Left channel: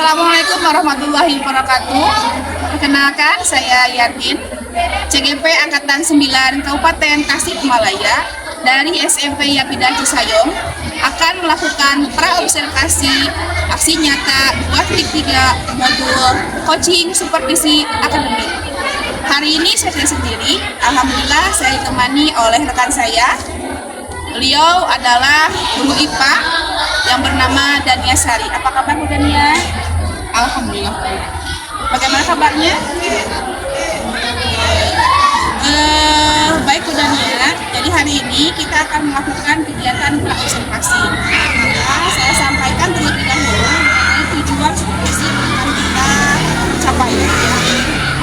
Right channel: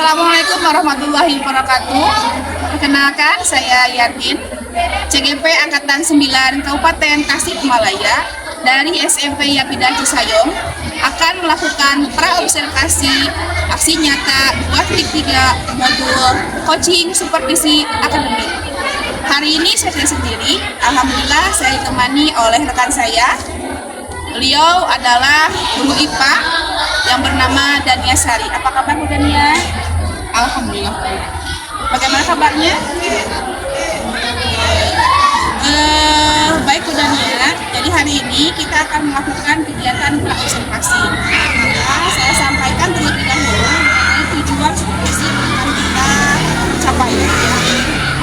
Assalamualaikum warahmatullahi wabarakatuh. Perkenalkan, saya Yatin, CGP Angkatan 9 Kabupaten Tasikmalaya dari SMP Yapidah Cisayong akan melakukan praobservasi aksi nyata buat week 3 modul coaching supervisi akademik. Hari ini saya sendiri, alhamdulillah saya ditemani oleh rekan saya. Beliau adalah guru IPA yang bernama Dania Sari. Apa kabar Bu Dania? Alhamdulillah. Bagaimana kabarnya? Baik Bu Dania. Jadi hari ini kita akan melakukan kegiatan praobservasi. Maka saya sampaikan terlebih dahulu mengenai tujuan supervisi yang akan kita capai,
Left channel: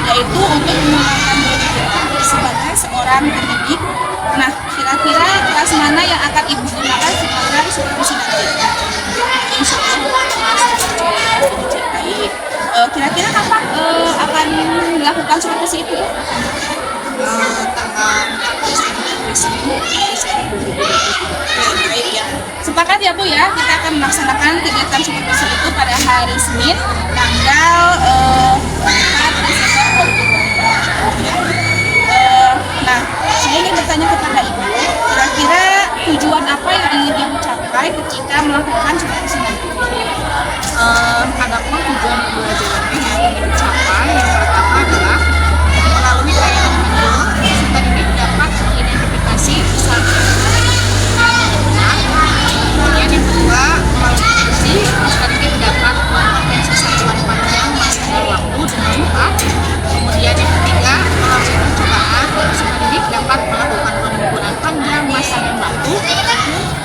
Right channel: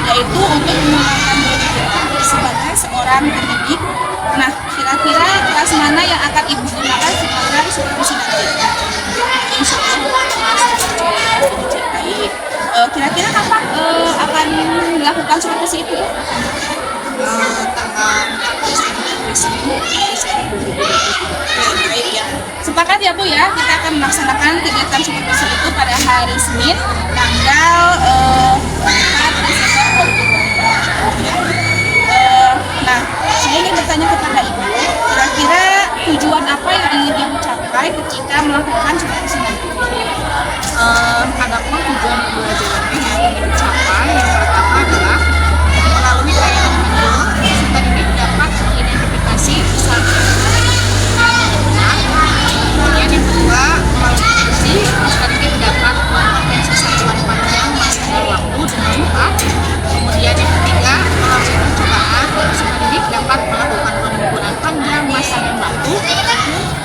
yaitu untuk mengembangkan diri kita sebagai seorang pendidik. Nah, kira-kira kelas mana yang akan Ibu gunakan sebagai supervisi nanti? Insya Allah baik. Kira-kira kapan akan dilakukan supervisi itu? Baik ya. Sepakat ya Bu ya, kita akan melaksanakan kegiatan supervisi itu pada hari Senin, tanggal 4 Desember 2020. Nah, saya ingin bertanya kepada Ibu, kira-kira tujuan apa yang ingin Ibu capai ketika melakukan supervisi nanti? Adapun tujuan pembelajarannya yang ingin dicapai, yang pertama adalah melalui tayangan video, supaya didik dapat mengidentifikasi kesalahan kemudian yang kedua, melalui diskusi, supaya didik dapat mengkomprehensif satuan panjang masa dan waktu dengan cepat. Kemudian yang ketiga, melalui percobaan, supaya didik dapat melakukan pengumpulan panjang masa dan waktu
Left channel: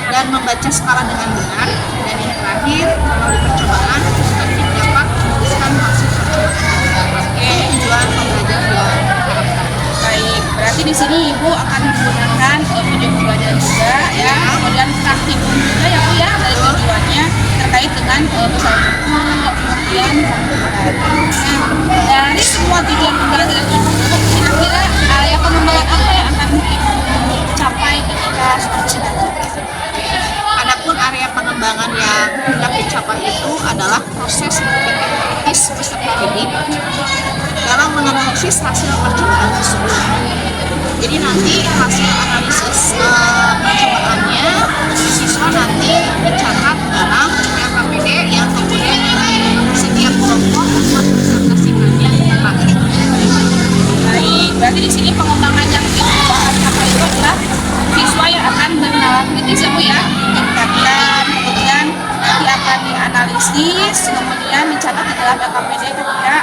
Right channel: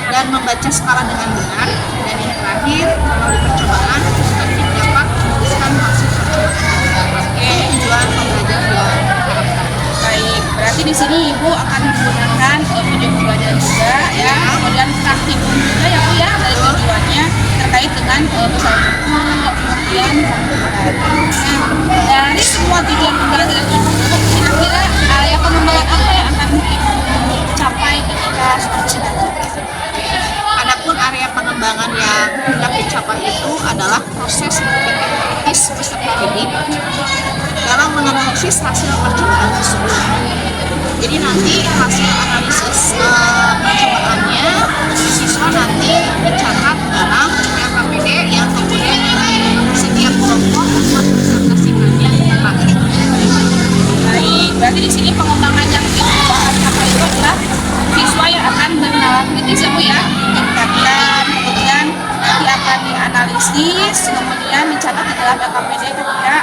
dan membaca skala dengan benar. Dan yang terakhir, melalui percobaan, supaya didik dapat menuliskan hasil percobaan. Oke, tujuan pembelajaran yang diharapkan. Baik, berarti di sini Ibu akan menggunakan video pembelajaran juga ya, kemudian praktikum juga ya Bu ya, dari tujuannya terkait dengan usaha buku, kemudian nah, dari semua tujuan pembelajaran itu, kira-kira area pengembangan apa yang akan Ibu capai ketika supervisi nanti? Adapun area pengembangan yang hendak dicapai itu adalah proses berpikir kritis peserta didik dalam menganalisis hasil percobaan tersebut. Jadi nanti hasil analisis percobaannya siswa nanti dicatat dalam LKPD yang kemudian setiap kelompok mempresentasikannya ke praktik. Baik, berarti di sini pengembangan yang Ibu bahas capai itu adalah siswa yang akan bernalar kritis ya Bu ya, ditingkatkan, kemudian nanti akan dianalisis, kemudian dicatat di dalam LKPD ketika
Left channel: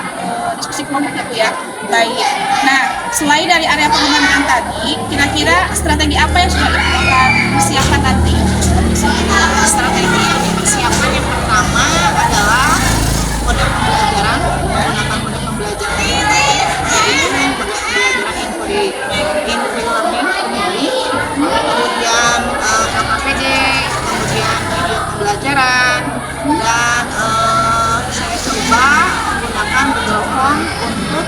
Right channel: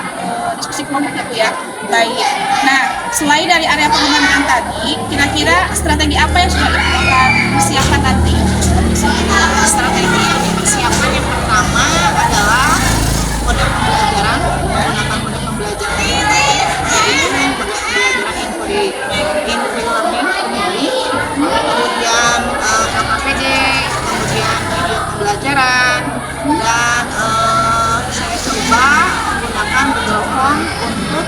diskusi kelompok ya Bu ya. Baik, nah selain dari area pengembangan tadi, kira-kira strategi apa yang sudah Ibu akan siapkan nanti? Strategi yang dipersiapkan yang pertama adalah model pembelajaran, menggunakan model pembelajaran yaitu model pembelajaran inquiry learning kemudian LKPD, kemudian video pembelajaran, dan saya coba menggunakan Google Form untuk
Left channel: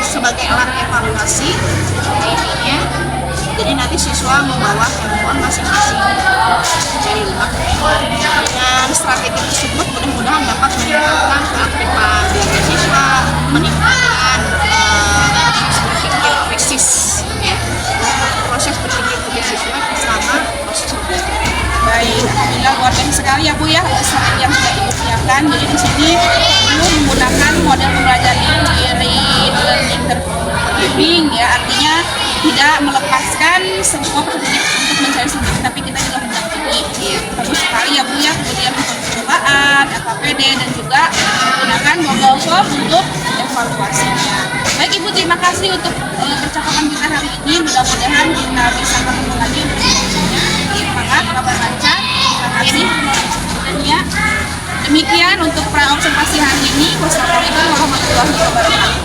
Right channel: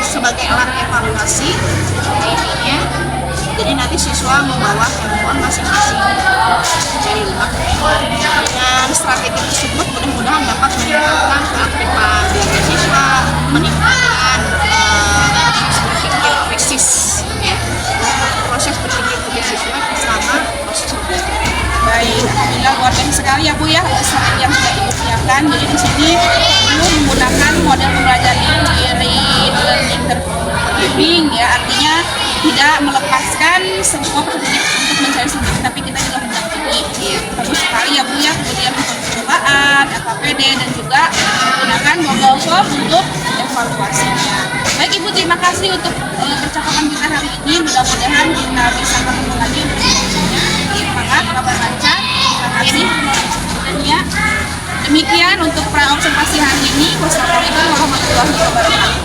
sebagai alat evaluasi intinya. Jadi nanti siswa membawa handphone masing-masing dari rumah. Dengan strategi tersebut mudah-mudahan dapat meningkatkan keaktifan diri siswa, meningkatkan proses berpikir kritis, ya, proses berpikir kritis siswa selama proses belajar. Baik, alhamdulillah luar biasa sekali ya Bu ya, strategi yang sudah Ibu siapkan. Jadi di sini Ibu menggunakan model pembelajaran inquiry learning terbimbing ya, artinya tidak melepaskan semua pendidik untuk mencari sendiri, tapi kita juga mendampingi. Bagus sekali ya Bu ya. Kemudian untuk percobaan, LKPD, dan juga menggunakan Google Form untuk evaluasinya. Baik Ibu, terima kasih untuk percakapan kita hari ini. Mudah-mudahan kita bisa ketemu lagi untuk selanjutnya. Semangat, kabar lancar. Terima kasih. Dan ya, demikian untuk praobservasi hari ini. Wassalamualaikum warahmatullahi wabarakatuh.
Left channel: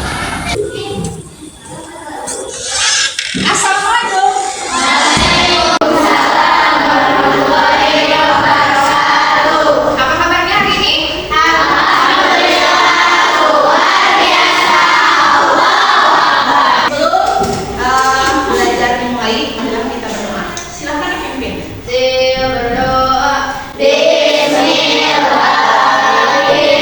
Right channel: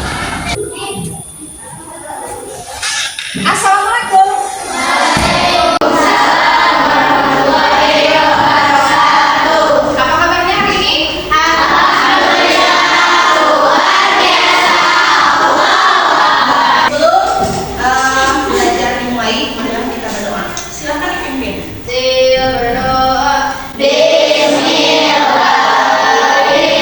Assalamualaikum. Apa kabarnya hari ini? Belajar dimulai, adalah kita berdoa. Silakan dipimpin. Berdoa. Bismillahirrahmanirrahim.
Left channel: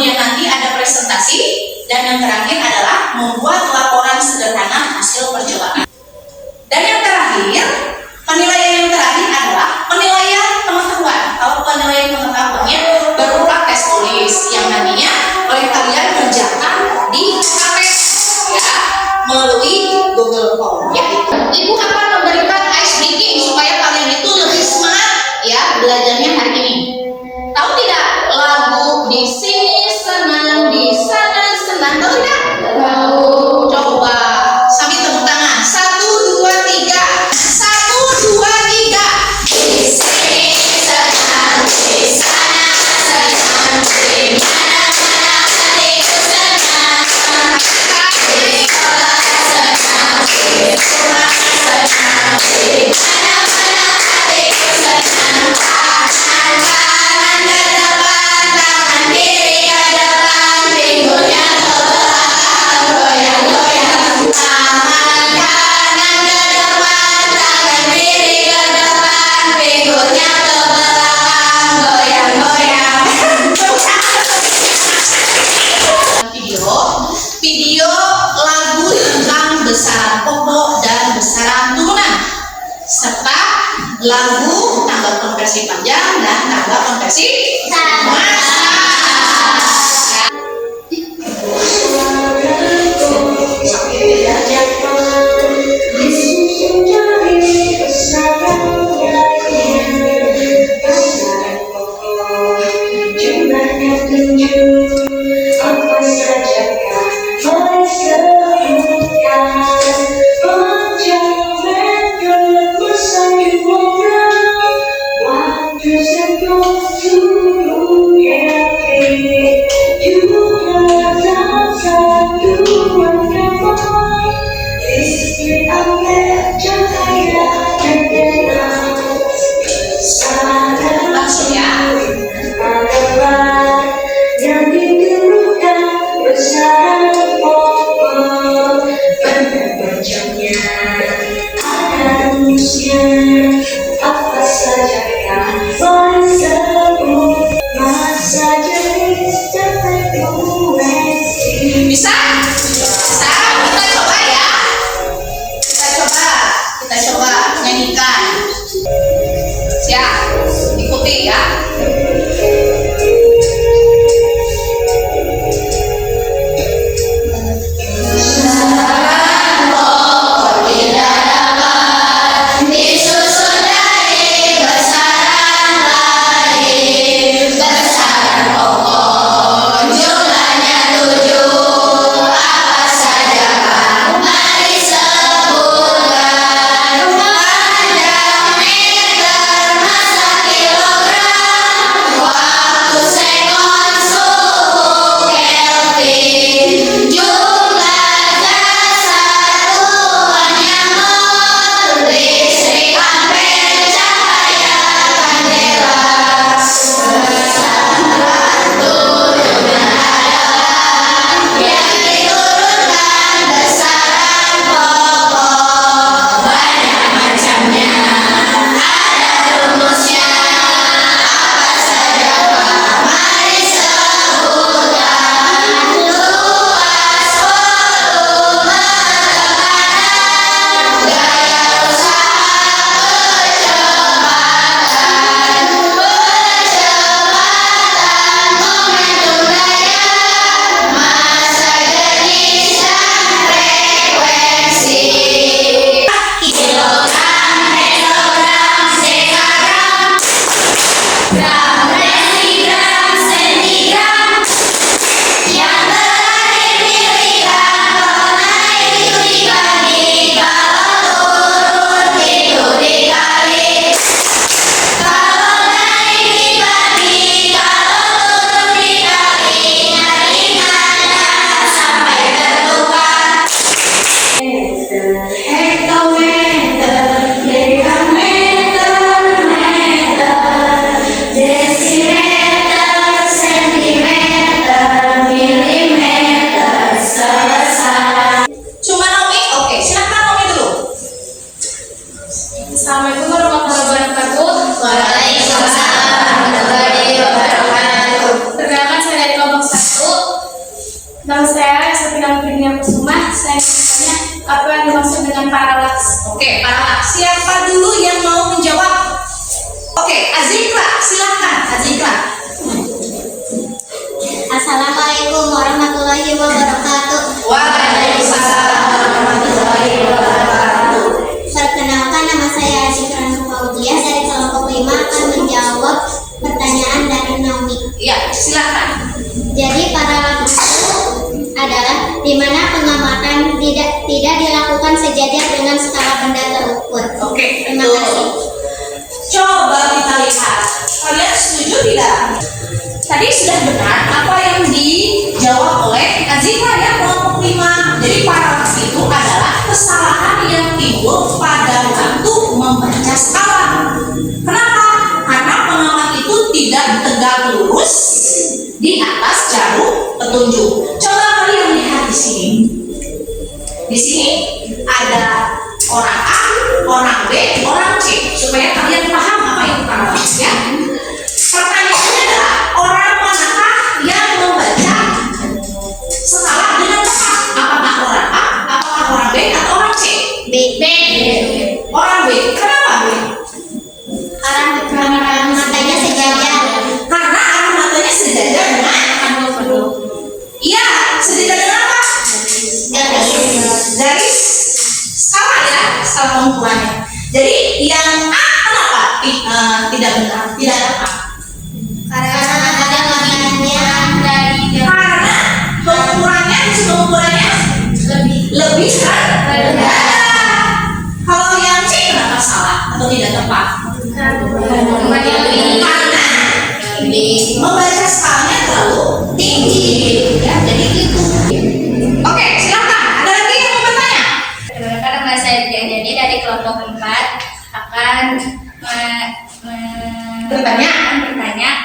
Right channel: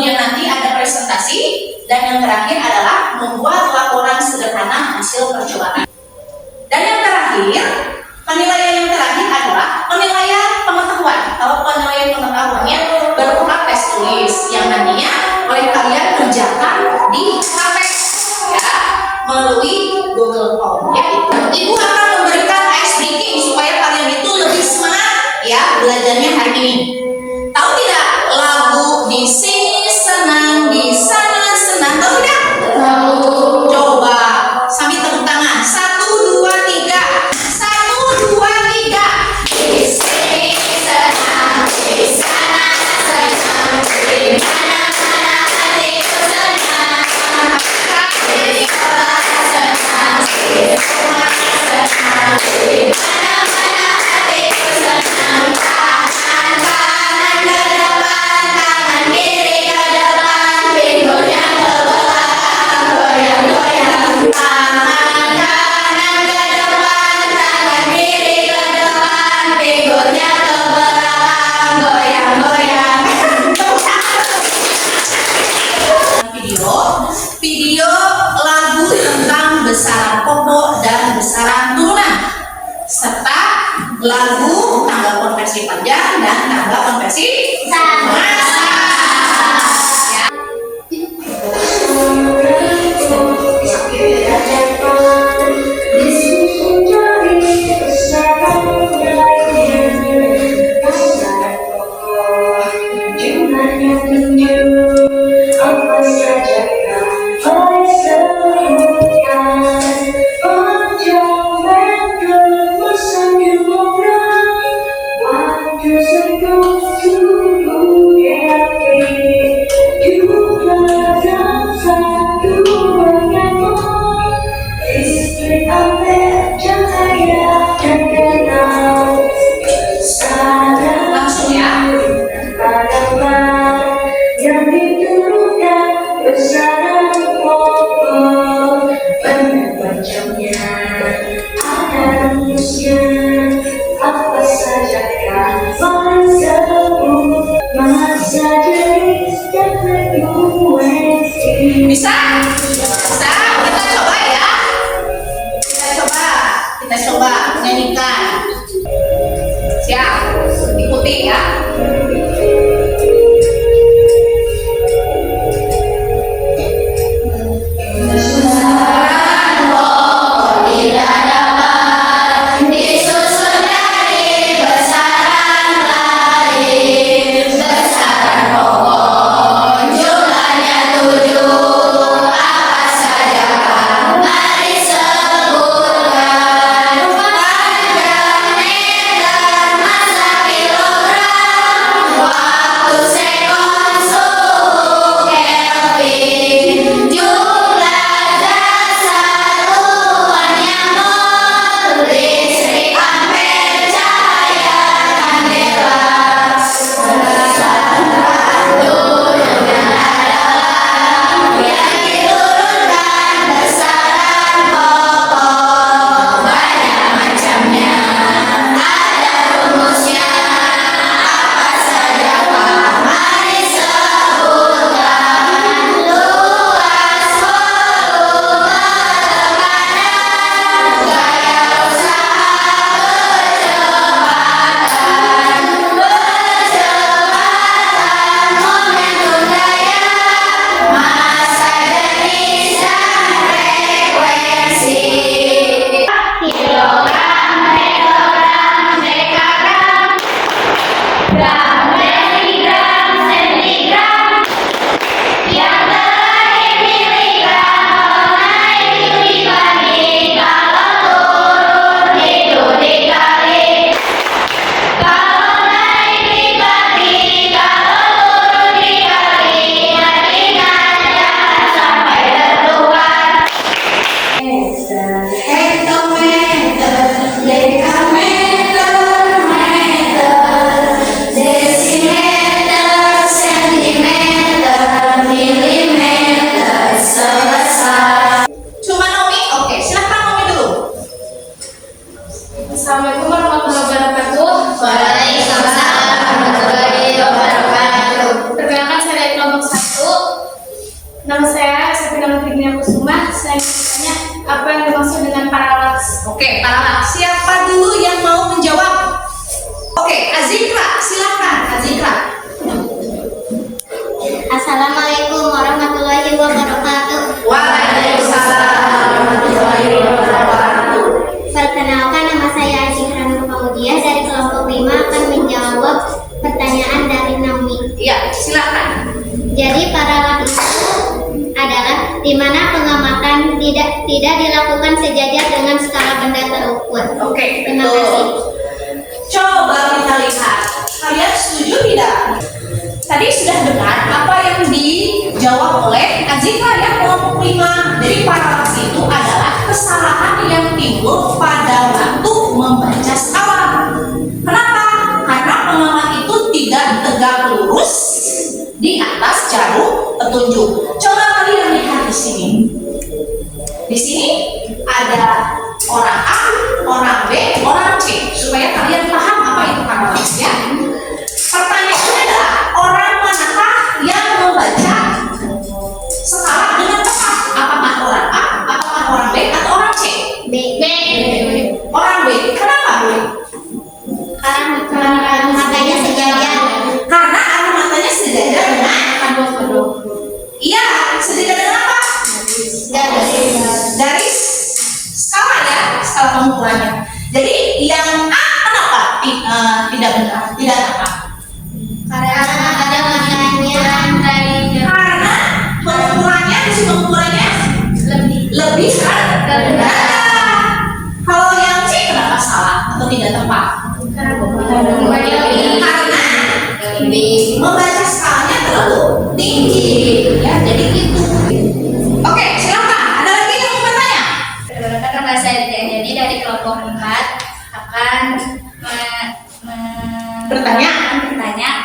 kemudian nanti ada presentasi, dan yang terakhir adalah membuat laporan sederhana hasil percobaan. Dan yang terakhir, penilaian yang terakhir adalah penilaian pengetahuan. Kalau penilaian pengetahuannya berupa tes tulis yang nantinya oleh kalian kerjakan di HP ya, melalui Google Form ya. Ibu akan memberikan ice breaking supaya kalian itu lebih semangat ya belajarnya hari ini. Tahu tidak lagu di sini senang, di sana senang, tahu tidak? Tahu. Coba sambil tepuk tangan. 1, 2, 3. 1, 2, 3. Di sini senang, di sana senang, di mana-mana hatiku senang. Di sekolah senang, di rumah senang, di mana-mana hatiku senang. Tangan ke depan, tangan kiri ke depan, pinggulnya ke belakang, goyang-goyang. Tangan kanan ke depan, tangan kiri ke depan, pinggulnya ke belakang, goyang-goyang. Video lagu tentang besaran pokok dan besaran turunan, serta lagu tanggal konversi panjang dan tanggal konversi massa. Langsung ya. Apa saja kan disebut masa jadi frekuensi. Bisa? Bisa? Kita coba ya. Kita coba nyanyikan. Siap? Ikuti ya. Disusun dari besaran lain, besaran pokok jumlahnya 7. Nama saya Safina Fitriya Kusuma. Saya bertanya apa yang dimaksud dengan paralaks? Oke, paralaks. Siapa dulu yang mau menjawab? Oke, Azikra, silakan Azikra. Assalamualaikum warahmatullahi wabarakatuh. Waalaikumsalam warahmatullahi wabarakatuh. Perkenalkan, nama saya Azikra Nurmaudiah dari kelompok 5 akan menjawab pertanyaan dari Naomi. Iya, silakan. Jadi paralaks itu adalah di mana pengamatan tidak dilakukan sejajar dengan skala benda terukur. Oke, Terima kasih. Coba kita lihat. Kalian setuju tidak? Tadi sudah dengar apa yang dijawab oleh Azikra ya, kelompok 5. Jadi paralaks itu adalah kesalahan yang timbul pada waktu membaca skala. Kenapa? Karena pengamat itu tidak tegak lurus di atas jarum petunjuk. Coba kalian lihat di sini. Di sini ada orang A, orang B, orang C, supaya kalian paham apa itu paralaks ya. Pertanyaannya adalah orang manakah yang membaca skala dengan tepat? Apakah orang A, apakah orang B, atau orang C? B. Orang B. Kenapa B? Karena matanya sejajar. Karena arah matanya sejajar dengan iya, sejajar dengan apa? Garis skala ya, skala pengukurannya. Jadi yang A kenapa tidak benar, tidak tepat? Karena matanya Karena pengukurannya lebih rendah. Kalau yang C kenapa salah atau tidak tepat? Karena membaca skalanya terlalu tinggi ya, jadi gitu. Oke, silakan. Ada lagi yang mau bertanya? Perkenalkan, nama saya Jadi dari kelompok 4 akan bertanya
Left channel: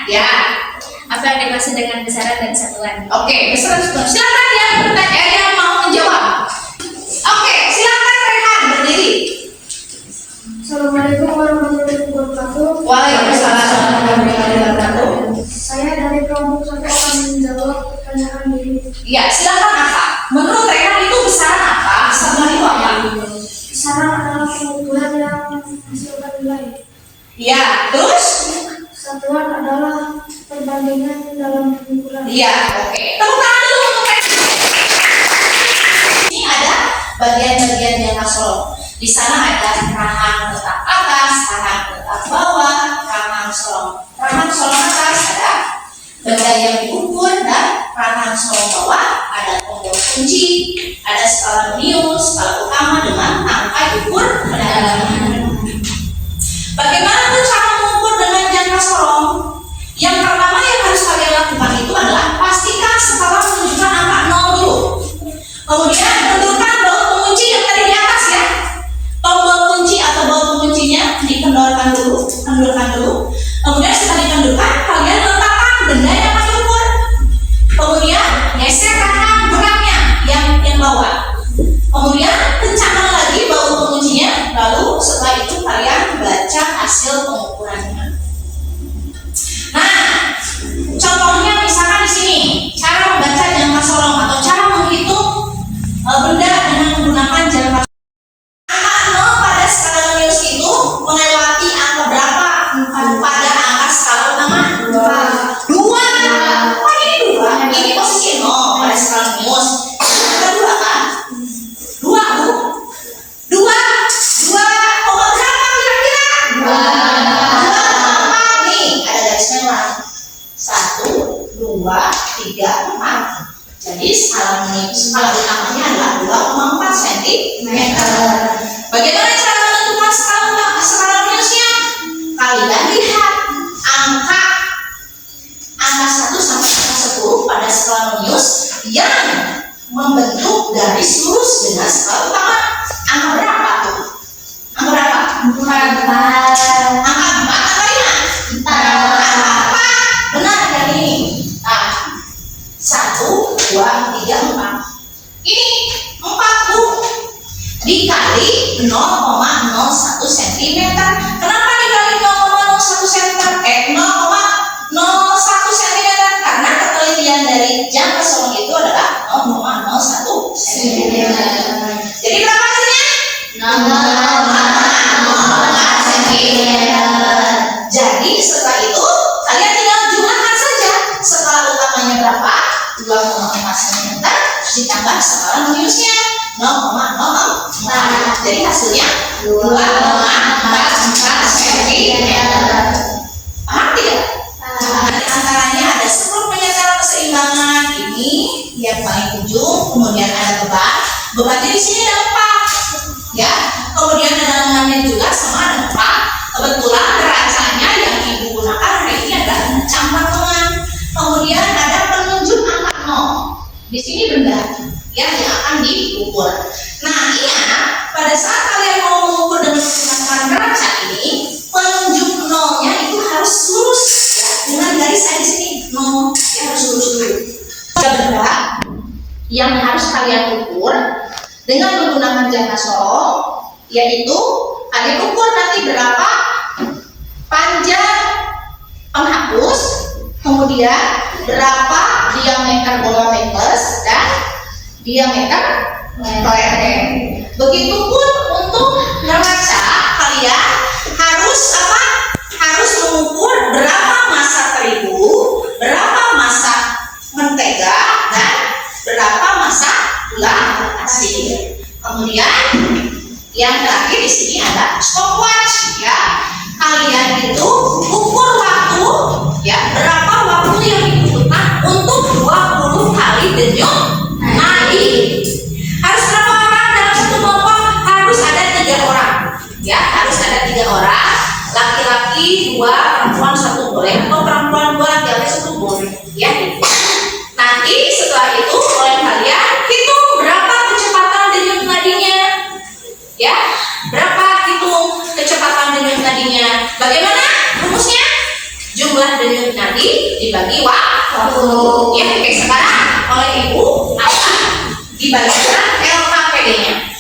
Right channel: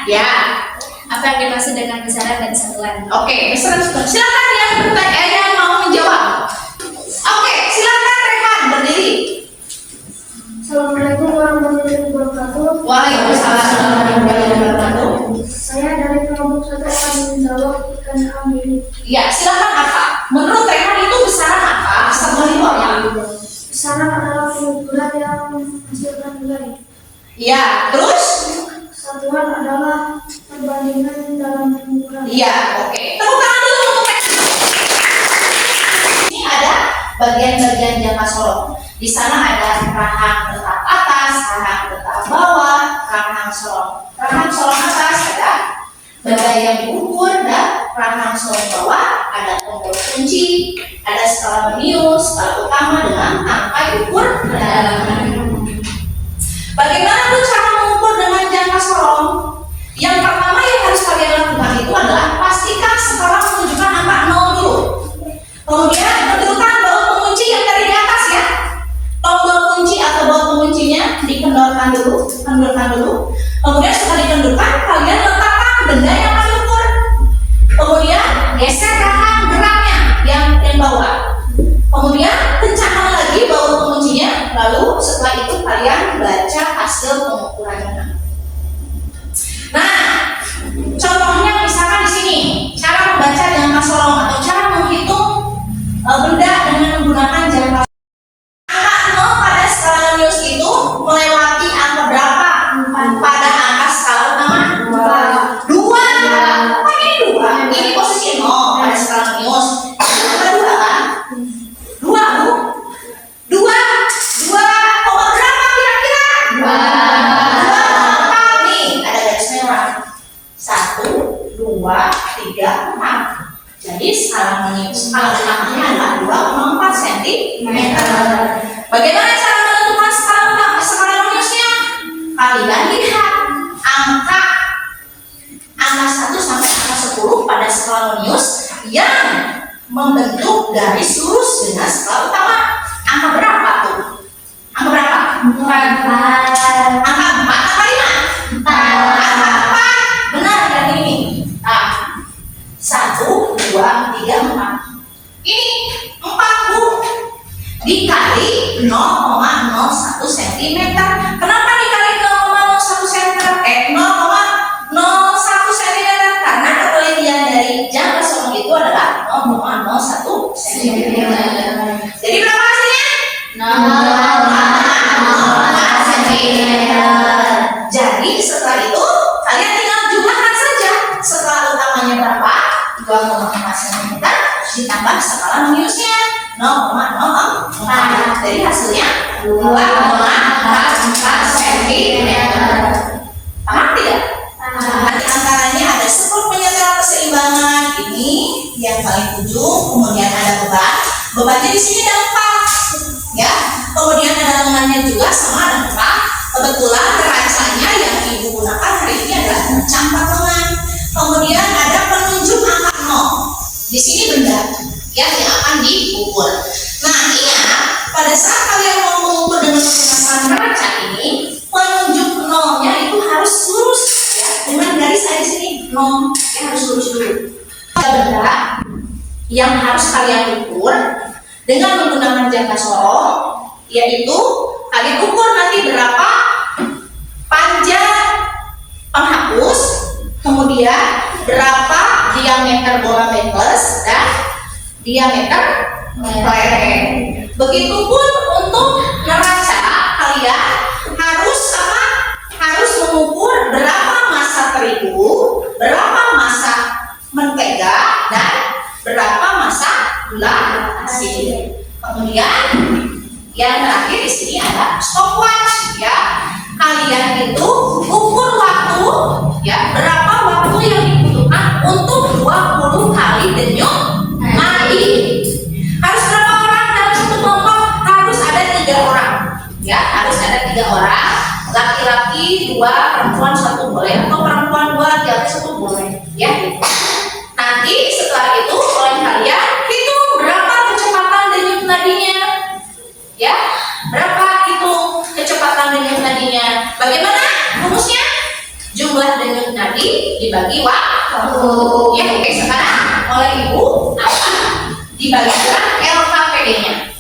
Ya. apa yang dimaksud dengan besaran dan satuan. Oke, silakan yang bertanya, yang mau menjawab. Oke, silakan Rehan berdiri. Assalamualaikum warahmatullahi wabarakatuh. Waalaikumsalam warahmatullahi wabarakatuh. Saya dari kelompok 1 akan menjawab pertanyaan ini. Ya, silakan Kakak. Menurut Rehan itu besaran apa? Besaran itu apa? Besaran adalah pengukuran yang menghasilkan nilai. Ya, terus? Satuan adalah perbandingan dalam pengukuran. Iya, oke. Tepuk tangan dulu untuk Rehan. Ini ada bagian-bagian jangka solong. Di sana ada rahang tetap atas, rahang tetap bawah, rahang solong. Rahang solong atas ada benda yang diukur, dan rahang solong bawah ada tombol kunci, ada skala menius, skala utama dengan angka diukur kedalaman. Bagaimana tuh cara mengukur dengan jangka solong? Yang pertama yang harus kalian lakukan itu adalah pastikan skala menunjukkan angka 0 dulu. Kemudian tentukan baut pengunci yang tadi di atas ya. Tombol kunci atau baut penguncinya dikendorkan dulu, Kemudian setelah dikendorkan, kalian letakkan benda yang mau diukur. Kemudian geser rahang geraknya yang bawah. Kemudian kencangkan lagi baut penguncinya. Lalu setelah itu kalian baca hasil pengukurannya. Nah, contohnya misalkan di sini cara membaca jangka solong atau cara menghitung benda dengan menggunakan jangka. Angka 0 pada skala menius itu melewati angka berapa pada angka skala utama? 2. Kok ini 2? Ini posisi 0 pada skala menius. Angka 2 kan? 2 Bu. 2 koma berapa kira-kira? 2,4. Nih ada garis merah. 1, 2, 3, 4. Jadi skala utamanya adalah 2,4 cm. Bagaimana cara menentukan skala meniusnya? Kalian lihat angka 1 sampai angka 10 pada skala menius yang membentuk garis lurus dengan skala utama. Angka berapa tuh? Angka berapa? 4. Angka 4 apa 5? 4. Angka 4. Benar yang ini. Nah, 1, 2, 3, 4. Ini 4 Bu. Dikali 0,01 cm. Kenapa dikali 0,01 cm? 0,01 cm karena ketelitian dari jangka solong itu adalah sentimeter. Jadi berapa hasilnya? 0,4 sentimeter. Jadi setelah itu kalian tinggal jumlahkan saja. Skala utamanya berapa? 2,4 cm ditambah skala minusnya 0,04. Jadi hasilnya 2,44 cm. Paham tidak? Di antaranya ada spot penyetel keseimbangan, ini yang paling ujung, kemudian ada beban. Bebannya di sini ada 4, ya. Kemudian ada lengannya juga sama ada 4. Kebetulan racanya yang ibu gunakan hari ini adalah campak lengan. Kemudian ada penunjuk angka 0. Di sini benda yang akan diukur. Nah, ingat pada saat kalian mau mengukur dengan menggunakan raca ini, penunjuk 0-nya itu harus lurus, ya, dengan garis saya di sini 0, ya, harus lurus dulu. Ada benda yang harus kalian ukur dengan menggunakan jangka sorong, yaitu kalian ukur nanti berapa panjang penghapus, kemudian berapa diameter bola petles dan diameter lereng. Begitupun untuk neraca, kalian harus apa? Harus mengukur berapa massa terigu, berapa massa mentega, dan berapa massa gula pasir. Kemudian yang terakhir di sini ada stopwatch, ya. Kalian itu ukur waktu, ya, berapa waktu yang dibutuhkan untuk 20 kali denyut nadi. Harus berapa orang dalam satu kelompok? Harus ada 3 orang, ya, harus ada 3 orang. Laki-laki 2, perempuan 1 boleh, atau perempuan 2, laki-laki 1 boleh, ya. Nanti setelah itu oleh kalian hitung berapa kecepatan denyut nadinya, ya, berapa hitung kecepatan denyut nadinya. Bagaimana rumusnya? Jumlah denyut nadi dibagi waktu. Ya, oke, sekarang oleh ibu akan dibagikan LKPD-nya.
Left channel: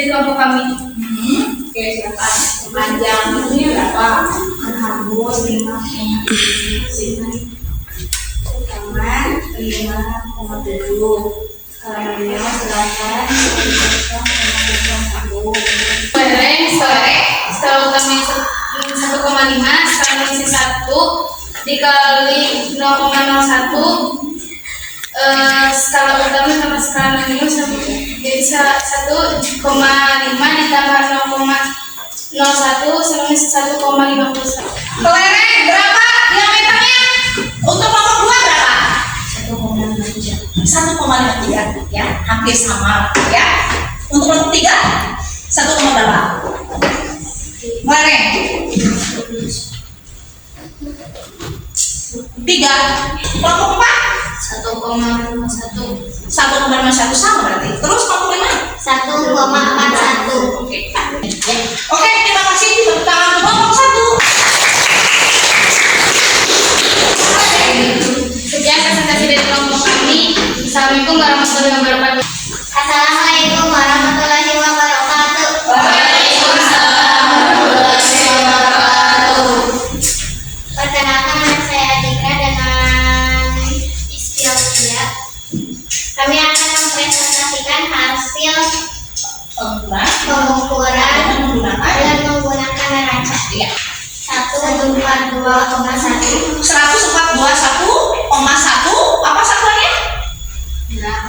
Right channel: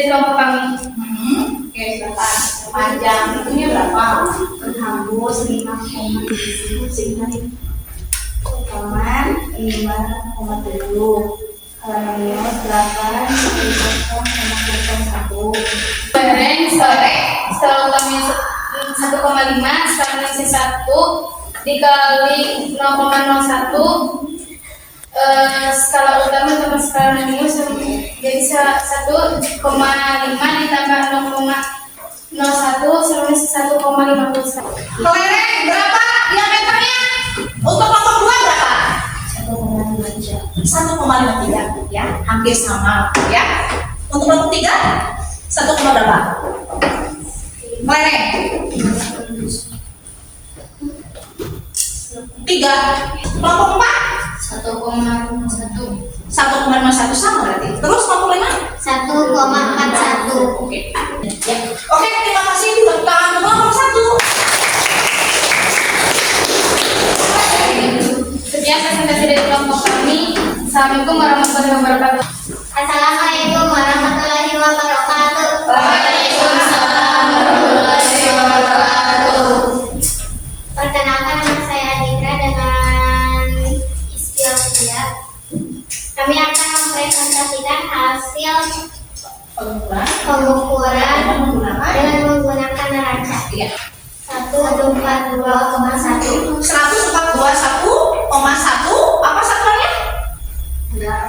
dari kelompok kami. Oke, silakan. Panjang itunya berapa? Hambus 5,7 halaman 5,7 halamannya 8,0,01 bareng setelah utami 1,5 sekarang mengisi 1 dikali 0,01 skala utama sama skala minus jadi 1,5 ditambah 0,01 sama 1,51. Kelereng berapa diameternya? Untuk kelompok 2 berapa? 1,53 ya, hampir sama ya. Untuk kelompok 3 1, berapa? Kelereng 3. Kelompok 4 1,51. 1,51 sama berarti. Terus kelompok 5 1,41. Oke, terima kasih. Tepuk tangan untuk kelompok 1. Sekian presentasi dari kelompok kami. Assalamualaikum warahmatullahi wabarakatuh. Assalamualaikum warahmatullahi wabarakatuh. Perkenalkan, nama saya Adikra dengan istilah saya. Kami akan mempresentasikan hasil pengukuran dengan menggunakan neraca. Iya. 142,1 142,1 apa satuannya? Gram.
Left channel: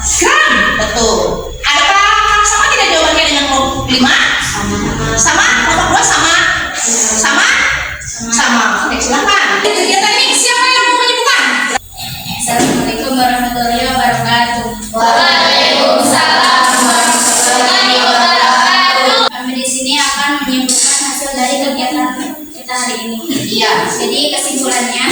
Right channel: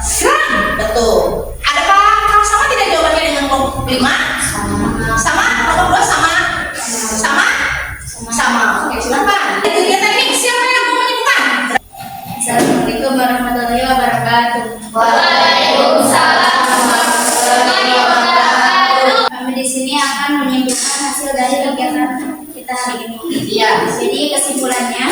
Betul. Adakah sama tidak jawabannya dengan kelompok 5? Sama. Kelompok 2 sama? Sama. Oke, silakan. Kegiatan ini siapa yang mau menyebutkan? Assalamualaikum warahmatullahi wabarakatuh. Waalaikumsalam warahmatullahi wabarakatuh. Kami di sini akan menyimpulkan hasil dari kegiatan kita hari ini. Iya. Jadi kesimpulannya,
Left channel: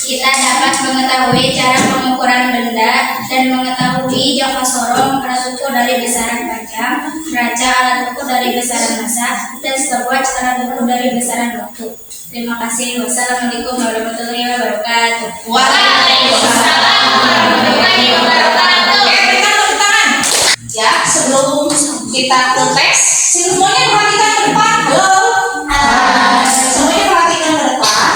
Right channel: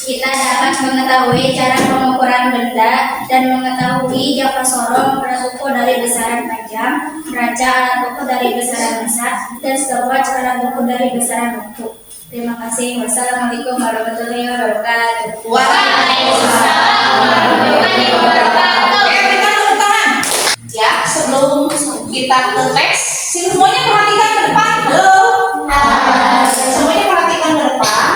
kita dapat mengetahui cara pengukuran benda dan mengetahui jangka sorong alat ukur dari besaran panjang, neraca alat ukur dari besaran massa, dan stopwatch alat ukur dari besaran waktu. Terima kasih. Wassalamualaikum warahmatullahi wabarakatuh. Waalaikumsalam warahmatullahi wabarakatuh. Oke, berikan tepuk tangan. Ya, sebelum kita ke tes, semuanya perhatikan ke depan. Semuanya perhatikan ke depan.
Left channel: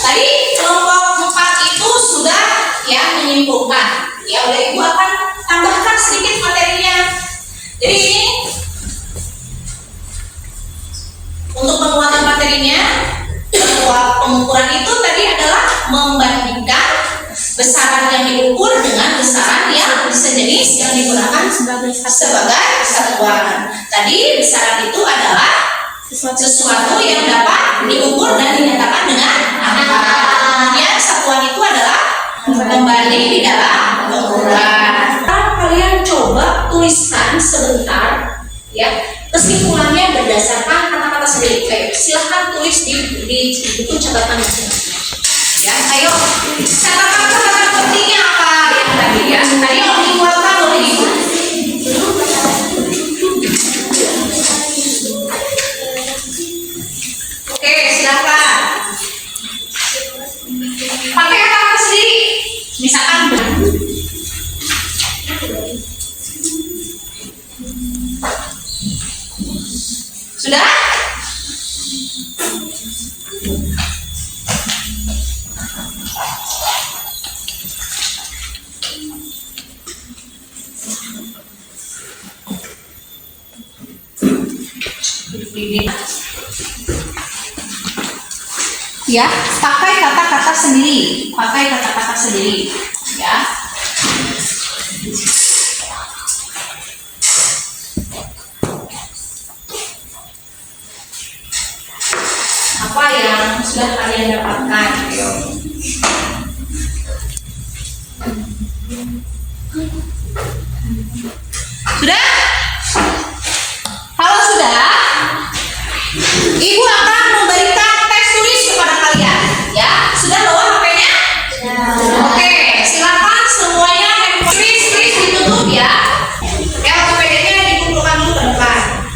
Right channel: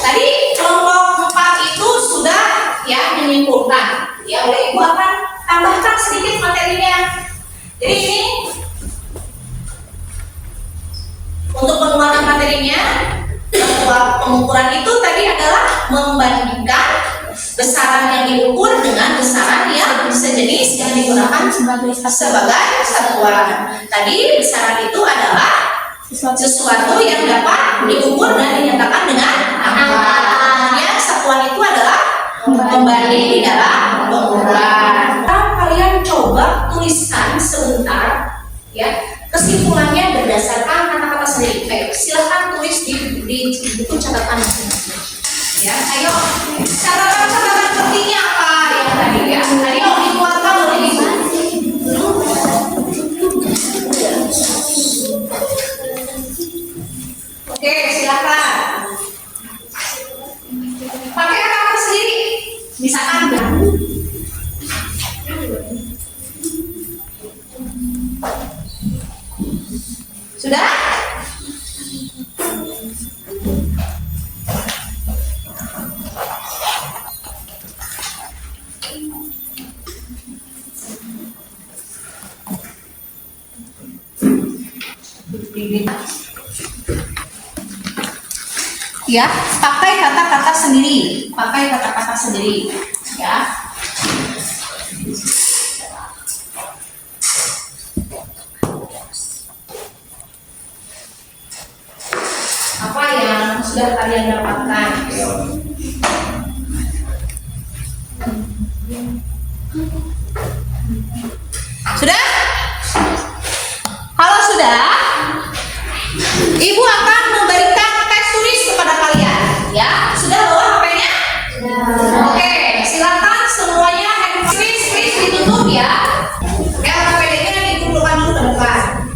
Tadi kelompok 4 itu sudah ya menyimpulkan. Ya, oleh Ibu akan tambahkan sedikit materinya. Jadi ini untuk penguatan materinya, bahwa pengukuran itu tadi adalah membandingkan besaran yang diukur dengan besaran yang sejenis yang digunakan sebagai satuan. Tadi besaran itu adalah sesuatu yang dapat diukur dan dinyatakan dengan angka. Ya, satuan itu adalah pembanding di dalam pengukuran. Sekarang kalian coba tuliskan sebentar ya kesimpulannya berdasarkan kata-kata sendiri. Baik, silahkan tulis di buku catatan masing-masing. Ya, ayo. Catatan pentingnya apa yang tadi ya? Ayo dikuatkan oleh Ibu. Oke, silakan. Pakai kata-kata sendiri. Misalkan sudah? Ya, pakai kata-kata sendiri. Ya. Apa yang sudah kalian dapatkan? Ayo. Sudah? Kalau sudah, Ibu akan memberikan teks tulis kepada kalian. Ya, sudah bawa HP-nya? Oke, silakan semuanya handphone please ditutup ya. Ya, PPD-nya dikumpulkan dulu ke depan.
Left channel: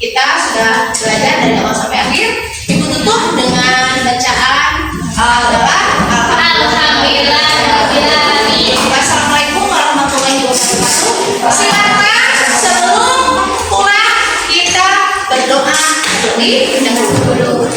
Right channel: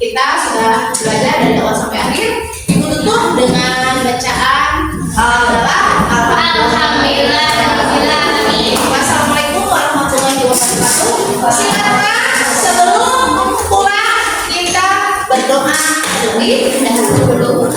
Kita sudah belajar dari awal sampai akhir. Ibu tutup dengan bacaan Alhamdulillahirobbilalamin. Assalamualaikum warahmatullahi wabarakatuh. Silakan sebelum pulang kita berdoa dulu.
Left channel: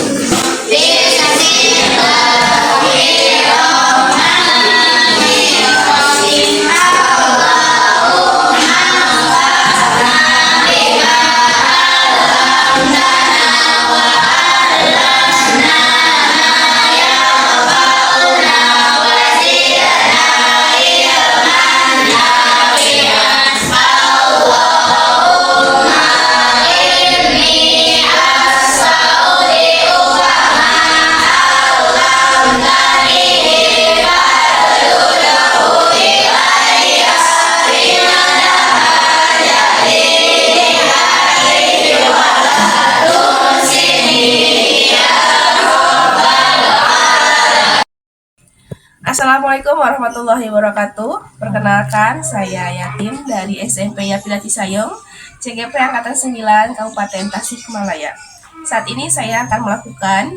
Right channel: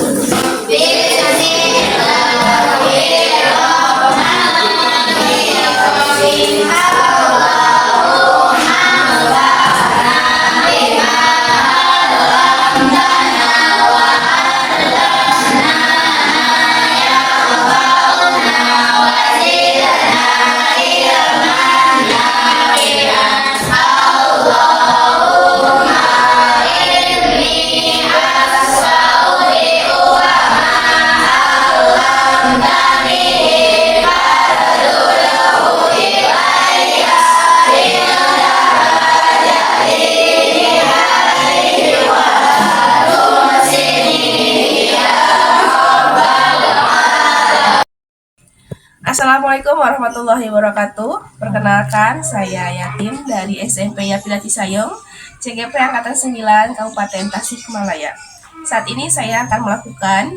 Assalamualaikum warahmatullahi wabarakatuh. Perkenalkan, saya Yatim dari SMP Yapilati Sayong, CGP Angkatan 9, Kabupaten Tasikmalaya. Saat ini saya akan melakukan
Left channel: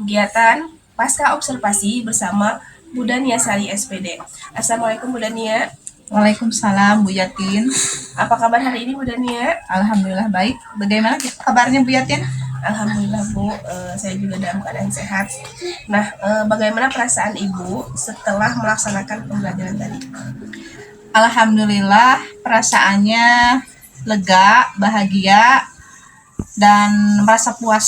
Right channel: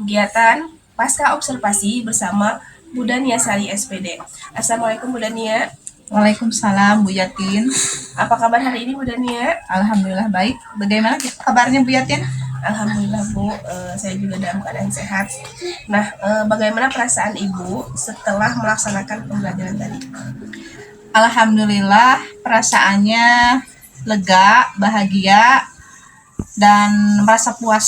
kegiatan pasca observasi bersama Bu Dania Sari SPD. Assalamualaikum Bu Dania. Waalaikumsalam Bu Yatin. Apa kabar hari ini Bu Dania? Alhamdulillah baik. Bagaimana kabarnya Bu Yatin? Alhamdulillah Bu, saya juga dalam keadaan sehat. Nah, bagaimana perasaan Ibu setelah melaksanakan pembelajaran tadi? Alhamdulillah perasaannya lega, bahagia, dan merasa puas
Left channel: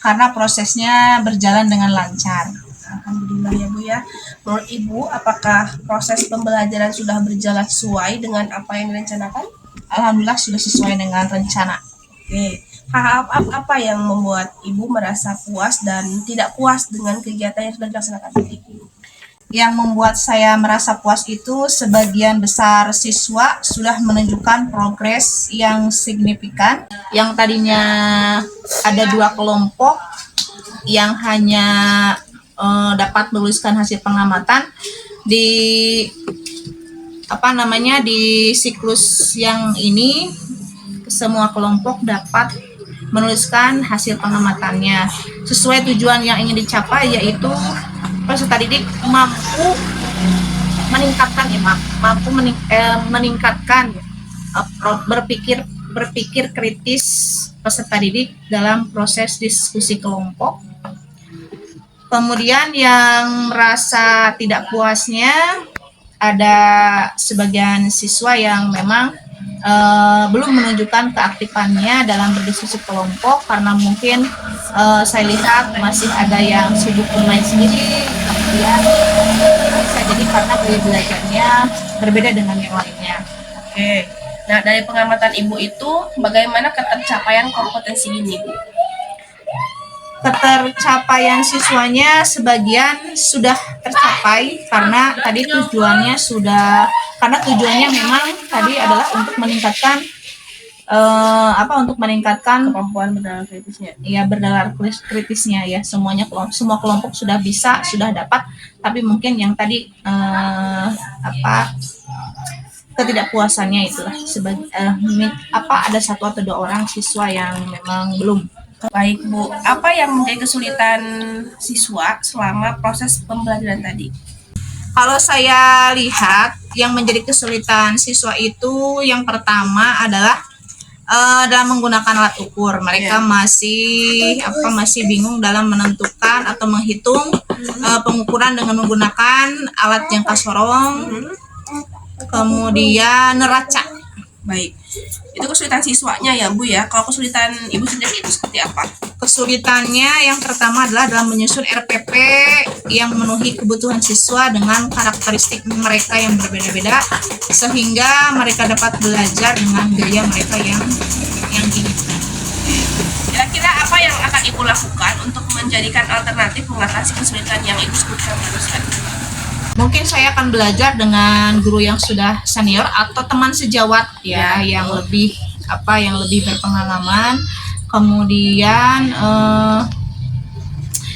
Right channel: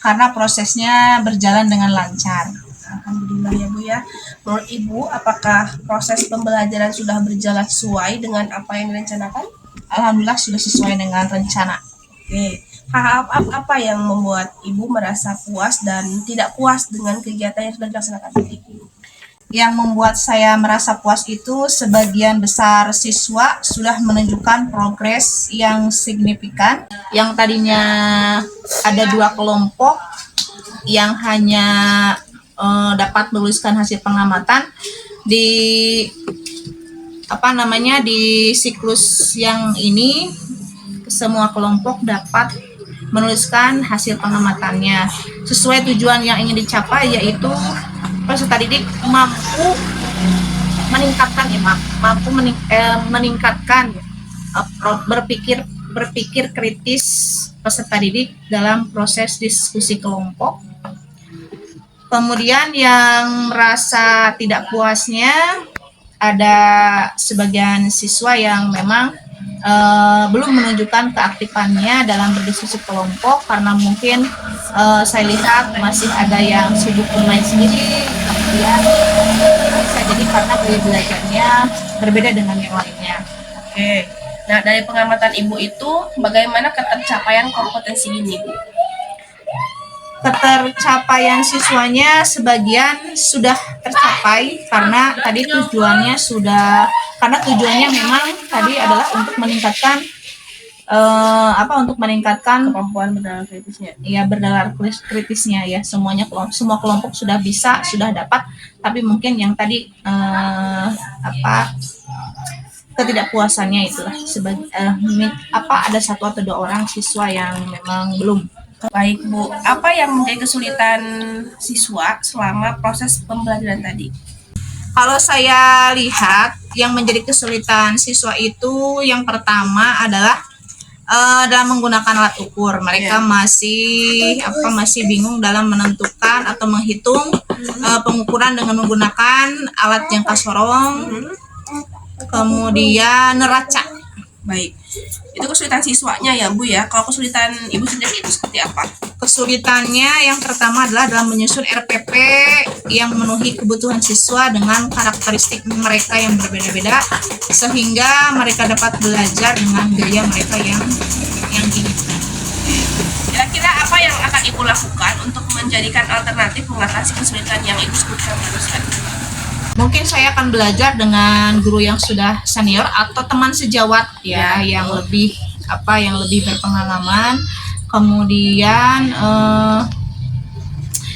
karena prosesnya berjalan dengan lancar. Alhamdulillah ya Bu ya. Menurut Ibu, apakah proses pembelajaran sudah berjalan sesuai dengan apa yang direncanakan? Alhamdulillah sudah sesuai dengan rencana. Oke. Hal apa yang membuat Ibu merasa puas dan tidak puas dengan kegiatan yang sudah dilaksanakan tadi? Yang membuat saya merasa puas itu sebagian besar siswa sudah menunjukkan progres yang signifikan. Yang tadinya ada 2 kelompok yang hanya dapat menuliskan hasil pengamatan di di siklus yang ini, semua kelompok dapat menuliskan hasil pengamatannya sesuai tujuan yang ingin dicapai, yaitu peserta didik mampu meningkatkan berpikir kritis peserta didik dalam proses diskusi kelompok. Kemudian yang merasa tidak puasnya, ada sebagian siswa yang memang belum menunjukkan keaktifannya dalam berdiskusi kelompok karena mungkin saya lihat masih ada yang sibuk bermain sendiri, kemudian bisa jadi karena gaya belajarnya berbeda dengan yang lainnya. Oke. Nah, dari pengamatan Ibu itu, bagaimana ketercapaian kompetensi ini, Bu? Ketercapaian siswanya sebagian sudah tercapai karena tadi tujuannya memang tadi adalah untuk meningkatkan Kemampuan bernalar kritisnya. ya bernalar kritisnya ya. Semua kelompok sudah bisa, sudah dapat, tapi mungkin yang tadi ketidakpuasannya itulah ada 1 atau 2 orang siswa yang memang belum. Baik Bu, apa yang menjadi kesulitan siswa selama proses pembelajaran tadi? Kalau saya lihat yang menjadi kesulitan siswa itu yang pertama adalah dalam menggunakan alat ukur. Mereka masih bingung dalam menentukan atau menghitung pengukuran dengan menggunakan alat jangka sorong, kemudian neraca. Baik, itu kesulitan siswanya ya Bu ya. Kalau kesulitan Ibu sendiri itu seperti apa? Kesulitannya yang pertama adalah dalam menyusun RPP yang memenuhi kebutuhan siswa dengan karakteristik mereka yang berbeda-beda, sehingga mereka dapat belajar dengan gaya mereka yang diinginkan. Kira-kira apa yang akan Ibu lakukan untuk menjadikan alternatif mengatasi kesulitan yang Ibu sebutkan barusan? Mungkin saya akan belajar dengan guru yang sudah senior atau teman sejawat yang lebih berpengalaman, kemudian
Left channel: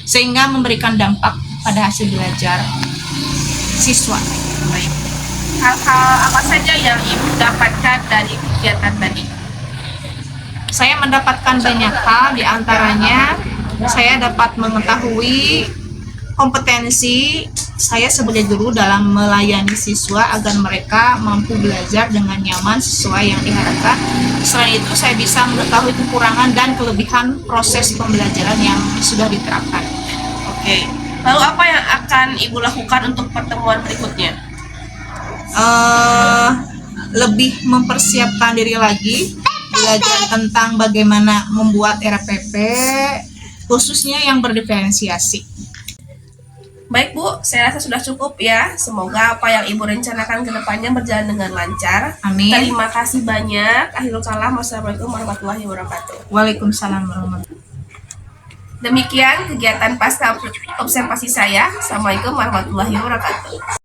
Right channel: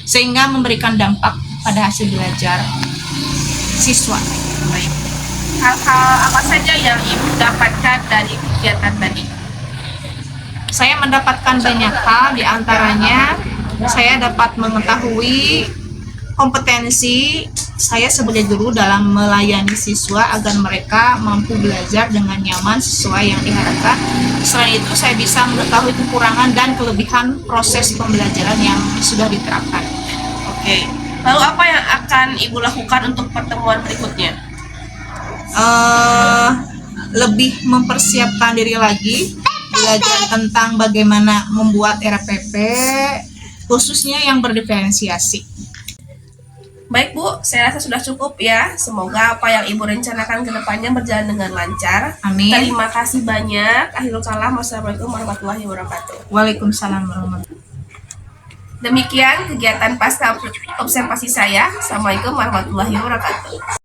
sehingga memberikan dampak pada hasil belajar siswa. Baik. Hal-hal apa saja yang Ibu dapatkan dari kegiatan tadi? Saya mendapatkan banyak hal, di antaranya saya dapat mengetahui kompetensi saya sebagai guru dalam melayani siswa agar mereka mampu belajar dengan nyaman sesuai yang diharapkan. Selain itu, saya bisa mengetahui kekurangan dan kelebihan proses pembelajaran yang sudah diterapkan. Oke. Lalu apa yang akan Ibu lakukan untuk pertemuan berikutnya? Lebih mempersiapkan diri lagi, belajar tentang bagaimana membuat RPP, khususnya yang berdiferensiasi. Baik Bu, saya rasa sudah cukup ya. Semoga apa yang Ibu rencanakan ke depannya berjalan dengan lancar. Amin. Terima kasih banyak. Akhirul kalam. Wassalamualaikum warahmatullahi wabarakatuh. Waalaikumsalam warahmatullahi wabarakatuh. Demikian kegiatan pasca observasi saya. Assalamualaikum warahmatullahi wabarakatuh.